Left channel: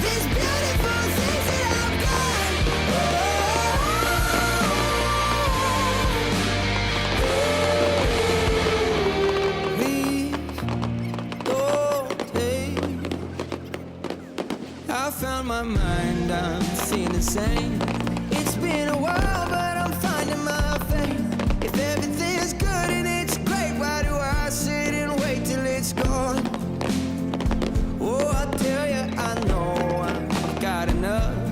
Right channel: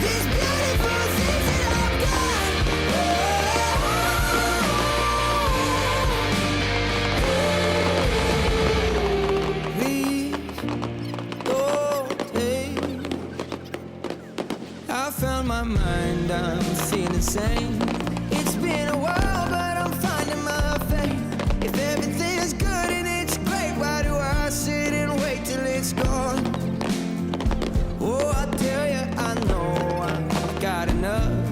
these beautiful things that I've got. Please don't take. I found my mind, I'm feeling sane. It's been a while, but I'm finding my faith. If everything is good and it's great, why do I sit and wait till it's gone? Oh, I tell you, I know I've got enough.